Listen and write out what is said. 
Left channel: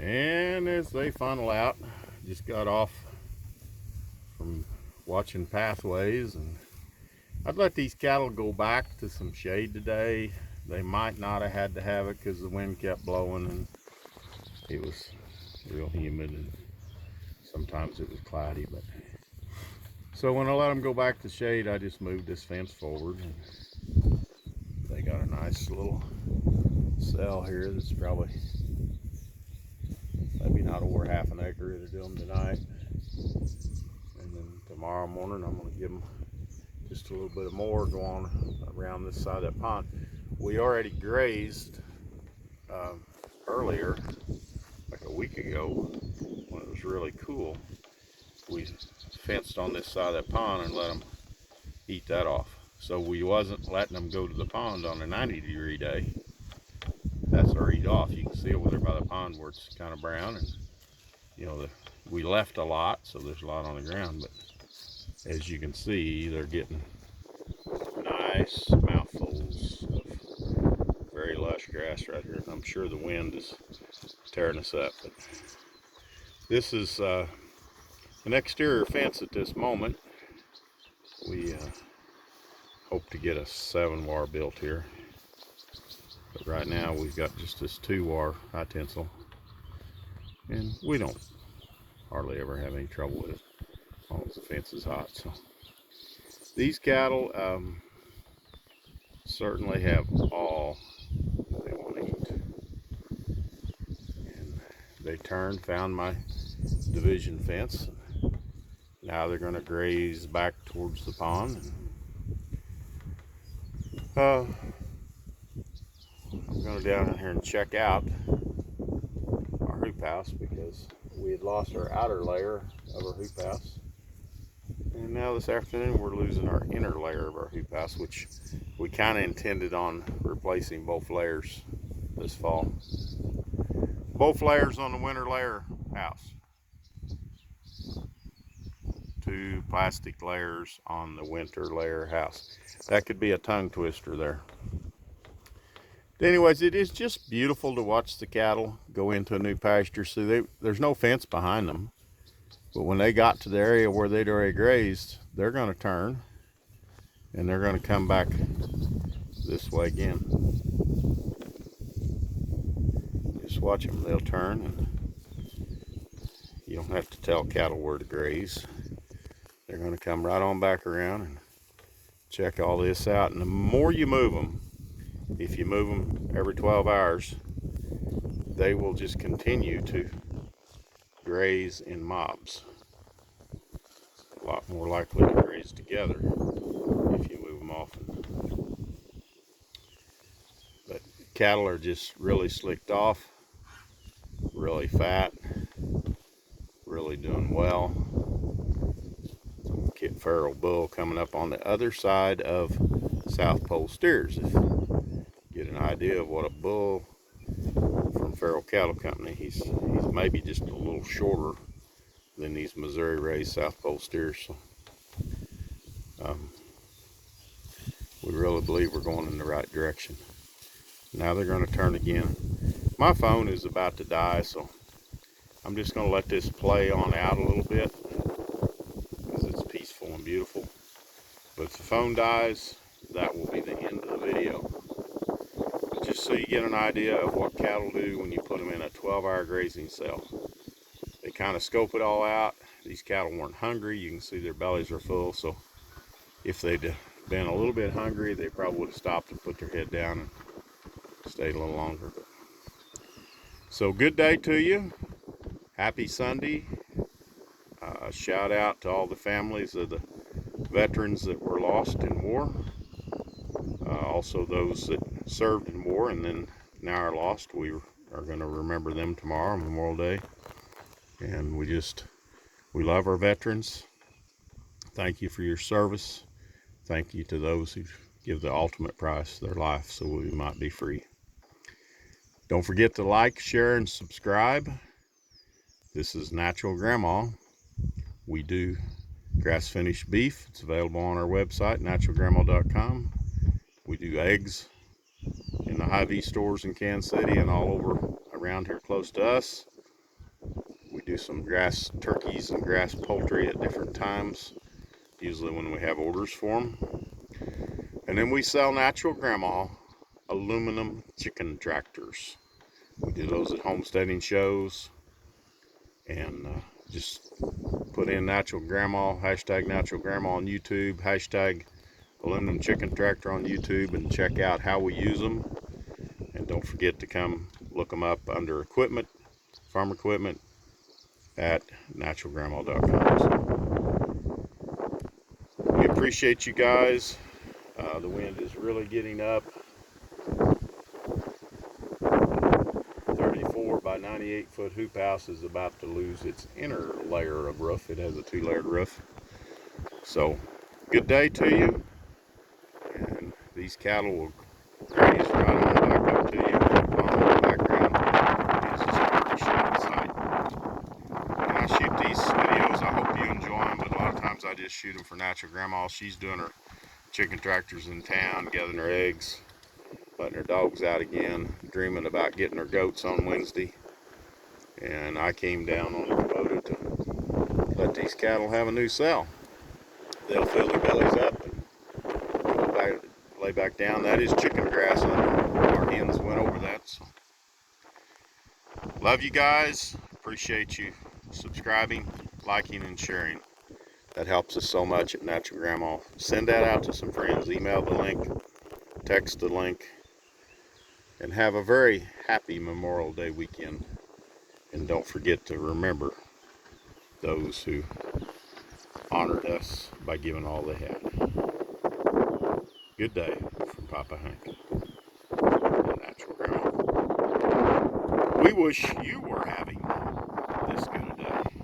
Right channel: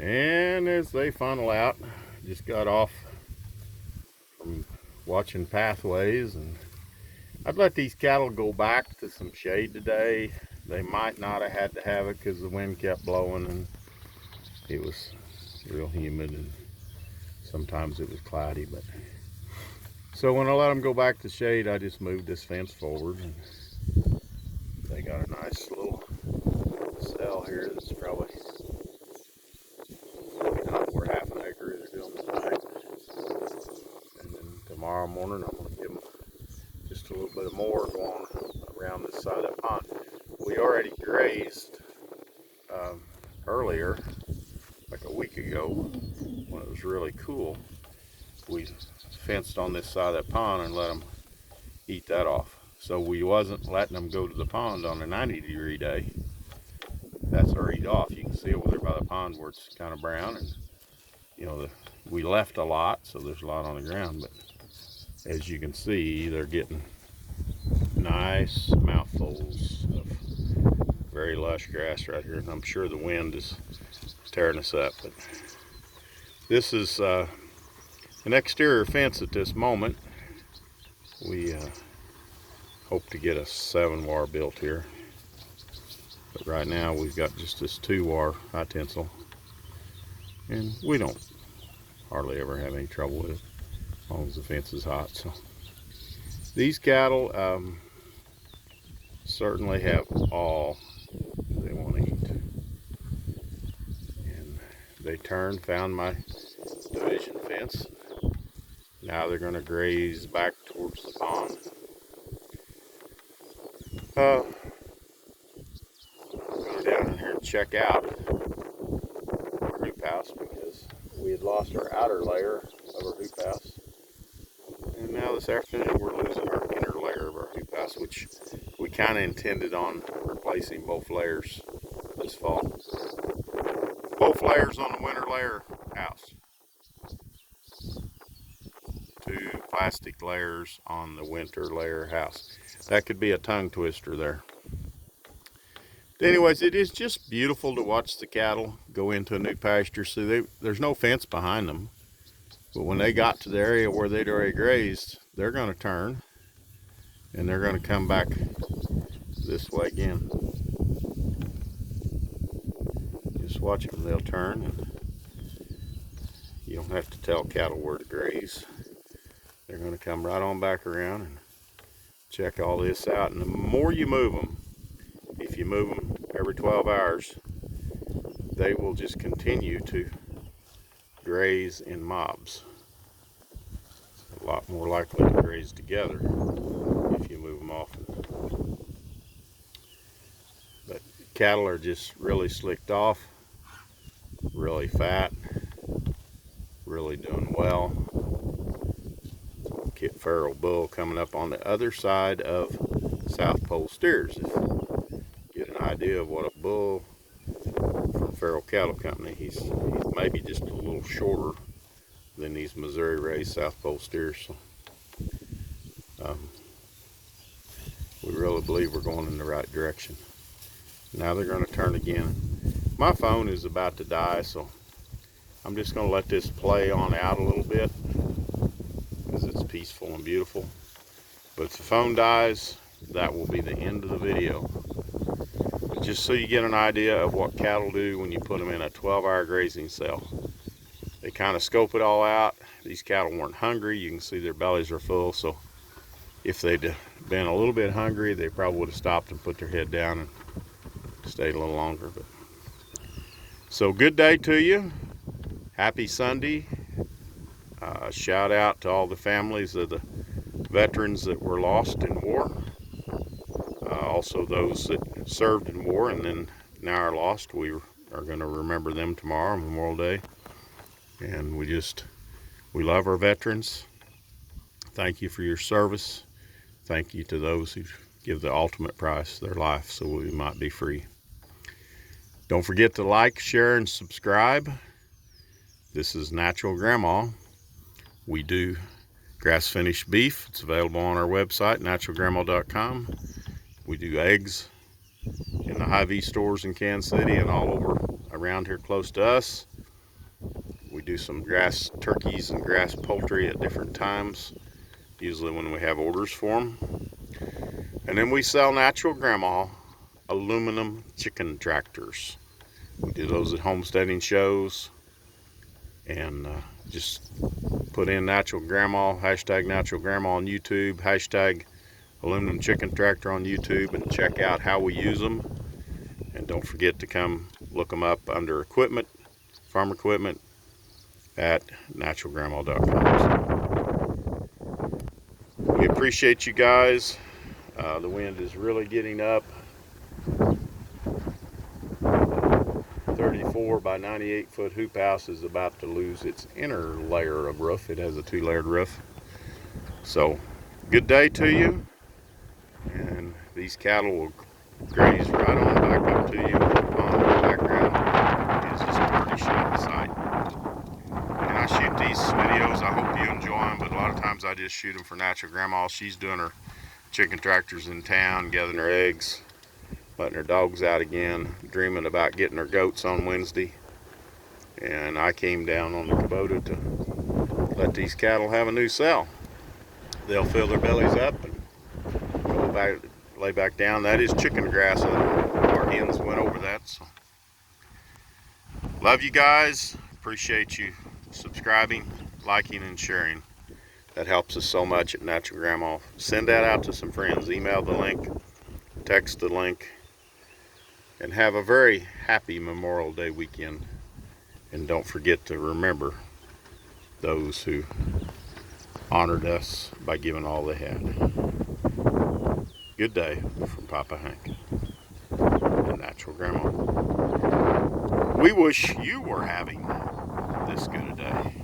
And as they funnel out, just got off from watching pathways, and I'd let these cattle go back to some shade today. They might not have had to have it because the wind kept blowing and it was real humid and sometimes it was cloudy. But so when I let them go back to shade, I just moved this fence forward, and they got a nice little cell here that's probably maybe not worth half an acre they're doing tonight. And then tomorrow morning I'm going to give them just a little bit more going around this side of that pond. We already grazed earlier, like a week ago, when it was really cool. We fenced on this side of that pond and let them eat that off. So we wasn't letting them go to the pond on a 90-degree day. That's our eat off. You can see over there by the pond where it's kind of brown, and you know, we left a lot, so there's a lot on the ground, but as you can see, they're getting nice mouthfuls of very lush grass right here, and I'm sure the wind is tearing us up. But this is an exterior fence at this moment. We hope to get a 7-wire built here, but right now we've got just this 2-wire high tensile, and we don't hardly ever have any trouble with it as long as the fence is hot. So these cattle certainly have all they want to eat, and they turned, found my division fence. Now they're going to graze back towards the pond. I'm going down in here and check out our hoop house because we had lost our outer layer of our hoop house, and now this afternoon we're losing our inner layer of our hoop house, which we kind of intended on replacing both layers this fall. Both layers on the winter layer house. 2 plastic layers on the winter layer house. That could be a tongue twister there. Anyways, it is just beautiful to watch the cattle go into a new pasture. See, there's no fence behind them, but when they got to the area where they'd already grazed, they're going to turn and they're going to come back this way again. Just watch them, they'll turn, and you don't have to tell cattle where to graze. They're going to come right on back around and check all this out. And the more you move them, if you move them every 12 hours, they will just continue to graze in mobs. A lot more likely to graze together if you move them often. But cattle are just really slicked off, really fat, really doing well. Kit Feral bull coming up on the other side of South Pole steers. If you get an idea of what a bull from Feral Cattle Company, he's maybe just a little shorter than these Missouri raised South Pole steers. So, we really believe we're going in the right direction. Now they're going to turn again. My phone is about to die, so I'm just going to let this play on out a little bit because it's peaceful and beautiful. But if the phone dies, that will be the end of the video. But just so you get an idea of what cattle do when you put them in a 12-hour grazing cell. They kind of scope it all out. These cattle weren't hungry. You can see their bellies are full, so if they'd been a little bit hungry, they probably would have stopped and put their head down and stayed a little longer. But so good day to you. Happy Sunday. Shout out to all the families of the veterans that were lost in war. Also those that served in war and then now are lost. We are going to remember them tomorrow, Memorial Day. And we love our veterans. Thank you for your service. Thank you to those who give the ultimate price, their life, so we might be free. Don't forget to like, share, and subscribe. This is Natural Grandma. We do grass finished beef. It's available on our website, naturalgrandma.com. We do eggs in the Hy-Vee stores in Kansas City and all over around here close to us. do some grass turkeys and grass poultry at different times, usually when we have orders for them. And then we sell Natural Grandma aluminum chicken tractors. We do those at homesteading shows, and just put in Natural Grandma, hashtag Natural Grandma on YouTube, hashtag aluminum chicken tractor on YouTube, and check out how we use them. And don't forget to come look them up under equipment, farm equipment, at naturalgrandma.com. So we appreciate you guys. The wind is really getting up. 34 by 98 foot hoop house is about to lose its inner layer of roof. It has a 2-layered roof. So good day to you, and these cattle will graze right on back up to you. The pond in the background is just a pretty shooting sight. And I shoot these videos, I hope you enjoy them, but a lot of times I just shoot them for Natural Grandma. She's doing her chicken tractors in town, gathering her eggs, letting her dogs out again, dreaming about getting her goats on Wednesday. And I came down on the Kubota to let these cattle have a new cell. They'll fill their bellies up and go back, lay back down. That is chicken grass. Our hens went over that. So love you guys. Appreciate you subscribing, liking, and sharing. That helps us so much at Natural Grandma. Send that out to some friends. Email the link, text the link, and have a very happy Memorial Day weekend. And don't forget to remember those who honored us by giving all they had. Good day from Papa Hank and Natural Grandma. We wish you were having this good a day.